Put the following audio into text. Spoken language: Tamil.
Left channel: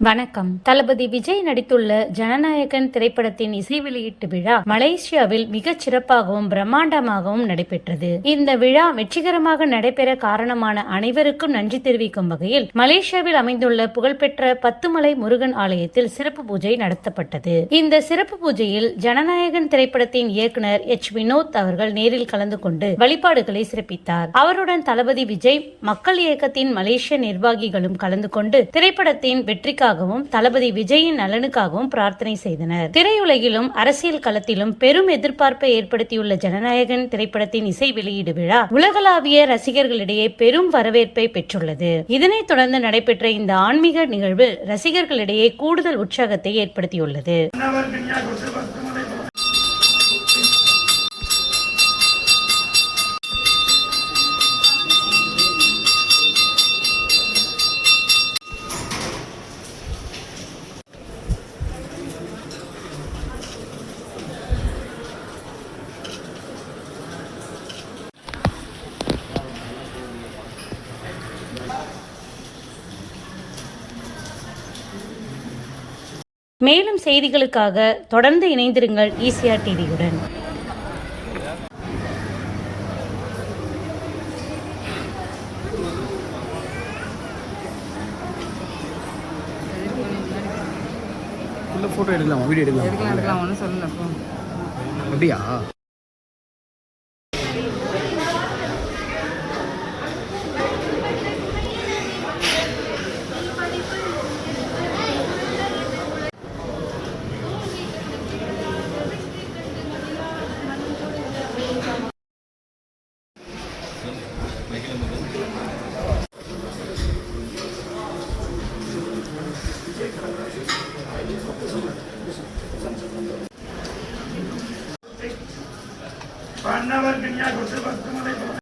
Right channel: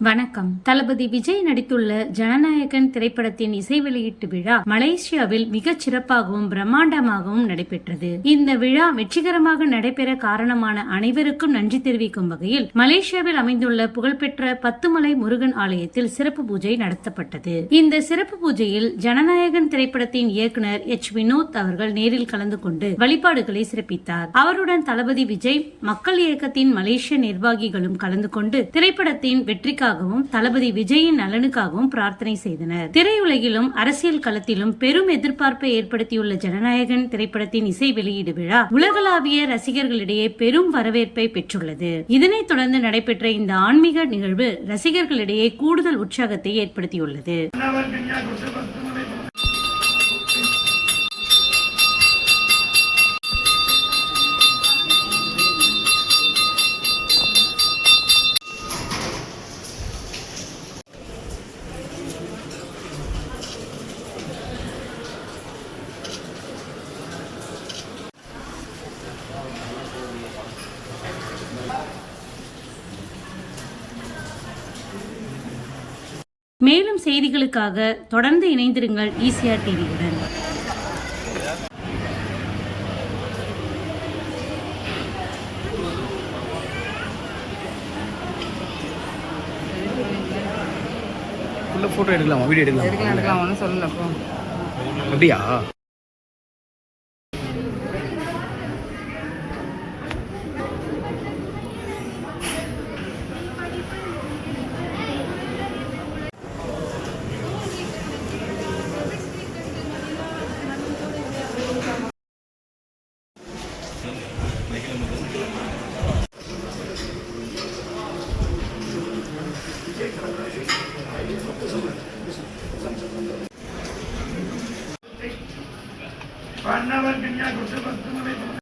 வணக்கம். தளபதி விஜய் நடித்துள்ள ஜனநாயகன் திரைப்படத்தின் இசை வெளியீட்டு விழா மலேசியாவில் மிகச் சிறப்பாகவும் பிரம்மாண்டமாகவும் நடைபெற்றது. இந்த விழா வெற்றிகரமாக நடைபெற காரணமான அனைவருக்கும் நன்றி தெரிவிக்கும் வகையில் மலேசியாவில் அமைந்துள்ள புகழ்பெற்ற பத்துமலை முருகன் ஆலயத்தில் சிறப்பு பூஜை நடத்தப்பட்டது. இந்த சிறப்பு பூஜையில் ஜனநாயகன் திரைப்படத்தின் இயக்குனர் எச். வினோத் அவர்கள் நேரில் கலந்து கொண்டு வழிபாடுகளை சிறப்பித்தார். அவருடன் தளபதி விஜய் மக்கள் இயக்கத்தின் மலேசிய நிர்வாகிகளும் கலந்து கொண்டு திரைப்படத்தின் நலனுக்காகவும் தளபதி விஜயின் நலனுக்காகவும் பிரார்த்தனை செய்தனர். திரையுலகிலும் அரசியல் களத்திலும் பெரும் எதிர்பார்ப்பை ஏற்படுத்தியுள்ள ஜனநாயகன் திரைப்படத்தின் இசை வெளியீடு விழா உலகளாவிய ரசிகர்களிடையே பெரும் வரவேற்பை பெற்றுள்ளது. இதனைத் தொடர்ந்து நடைபெற்ற இந்த ஆன்மீக நிகழ்வு ரசிகர்களிடையே கூடுதல் உற்சாகத்தை ஏற்படுத்தியுள்ளது. மேலும் செய்திகளுக்காக தொடர்ந்து இணைந்திருங்கள் ஈசிஆர் டிவியுடன். ஃபோட்டோ எடுக்கலாமா? வீடியோ எடுக்கலாம்? எடுக்கலாமா எடுக்கலாம். ஒன்றும் சொல்லல அப்போ அப்படியா? பண்ணவர் கன்யா குருத்து பத்து மலை